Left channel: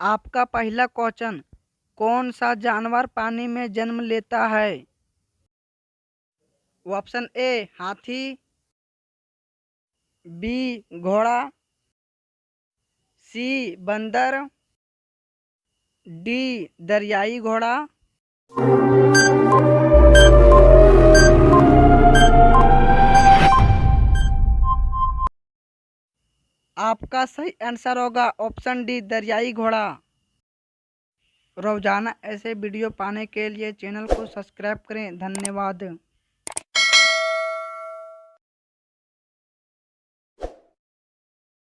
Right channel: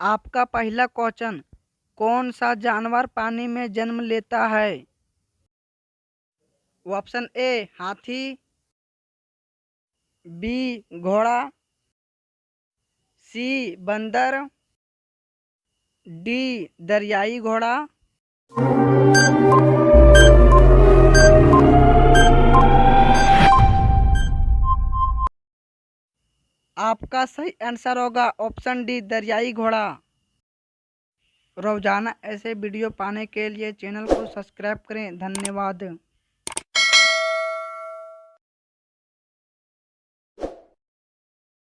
आपका पहला क्वेश्चन, कौन सा जानवर पानी में जन्म लेता है? ऑप्शन ए हाथी, बी घोड़ा, सी बंदर, डी दरियाई घोड़ा। आपका सही आंसर होगा ऑप्शन डी दरियाई घोड़ा। रोजाना ऐसे वीडियो पाने के लिए चैनल को सब्सक्राइब करें। धन्यवाद।